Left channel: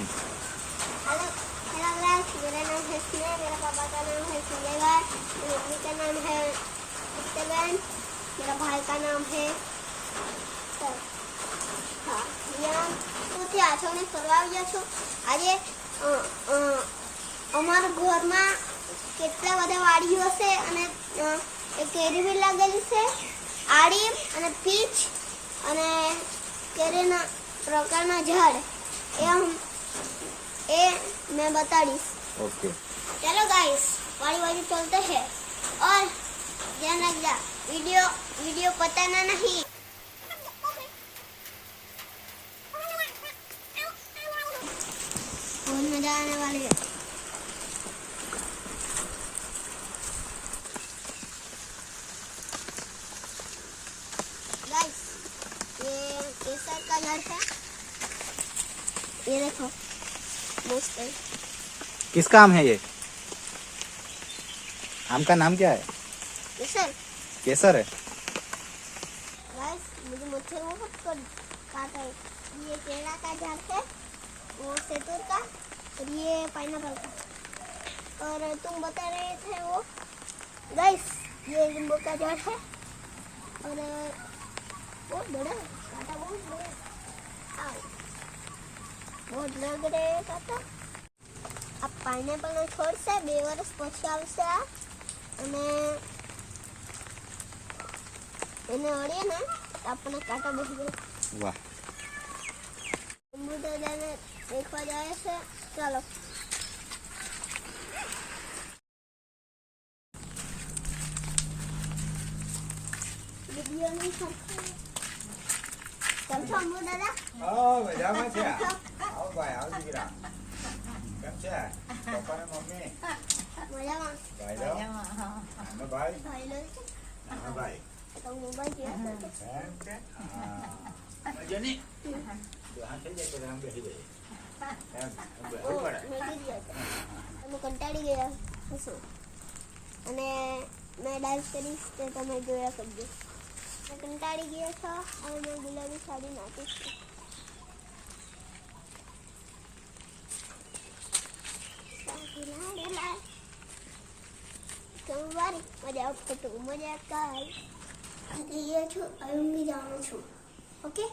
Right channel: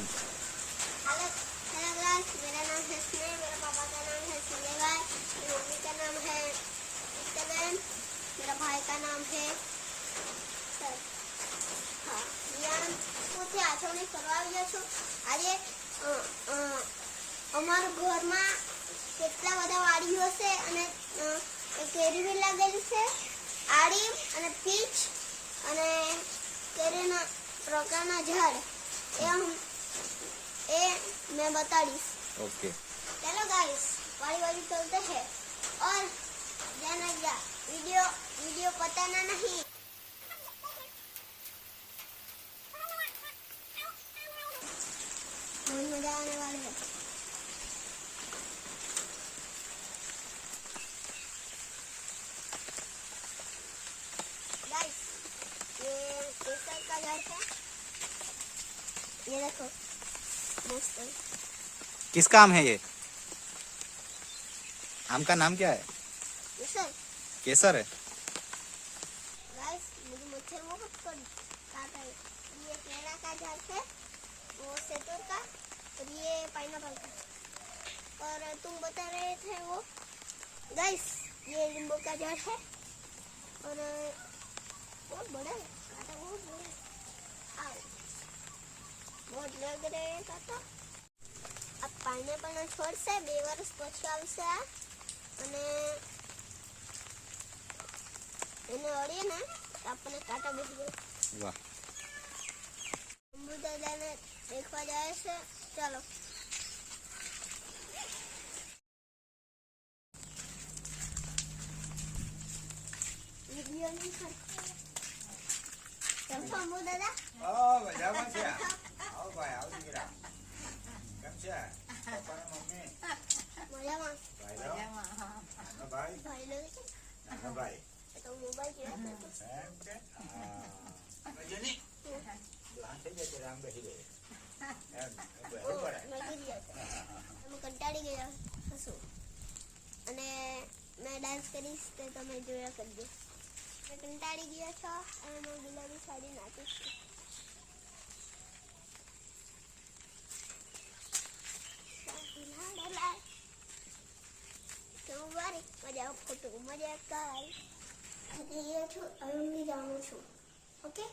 Hello hello guys, मेरा नाम है स्नेहा, मेरा पापा का नाम है सुलेमान, मेरी मम्मी का नाम है उत्तरबेन, मेरा भाई का नाम है રિયાન. તો ત્યાં આપણે ફરવા આવ્યા છો. આજે અમારા ઘરમાં કેટલા બધા વાડીઓ છે અને કેરી બી લાગેલી છે, આડીમ અને પીચ અને કેરીના પ્રકારના ઝાડ એ मैं बताड़ीस. ओके चलो गाइस, वाली वाली चलते हैं और ध्यान रखना, वीडियो पताना नहीं. बहुत मजा आने वाली है. गाइस, ये केसर का झाड़ है, ये देखो मस्त है. किसका आम है ये? आम का नाम क्या है? केसर. केसर है. गाइस, मुझे मच्छर बहुत काटा है. ये केला का झाड़ है, वो सेतूर का, और ये पाइनएप्पल का. और तुम बता रहे थे वो गाइस, ये नींबू का झाड़ है और बहुत बड़ा काटा, बहुत बड़ा. आओ, बहुत लग रहे हैं काटा. अब पाइनएप्पल નો છોડ છે, 2 વર્ષ પછી આવશે આ, અને એને ઓળીએ ને આપણને કાંટા બેસી જાય. वाह. દાદાને દેખવા જાય છે. ચાલો. વિડીયોની કેમ છો અંબુ દાદા? મજામાં છે. આવો ભાઈ, આવો દીકરા. કેમ છે પપ્પા ને મમ્મી? મજામાં. ભાઈ લો. નાનો ભાઈ. ભાઈ લો છે. નાનો ભાઈ. તો મોબાઈલ જોઈએ એમ છે? હા. મજાની? જો આ થઈ જાય તો આમ બેસી જાય. એમ બેસવું પડે. મેં કરી ગયા અમે કંટાળી ગયા હશું અને મેં ડાન્સ કરીશ તે તમે જોયા કરજો. મેં કંટાળી ગયા છો અને મેં ગુલાબી સાડી નાખીશ. સોમવારે મજા ફોટો મજા કાલ. ये છું હવે હું જાણું છું. ઓકે.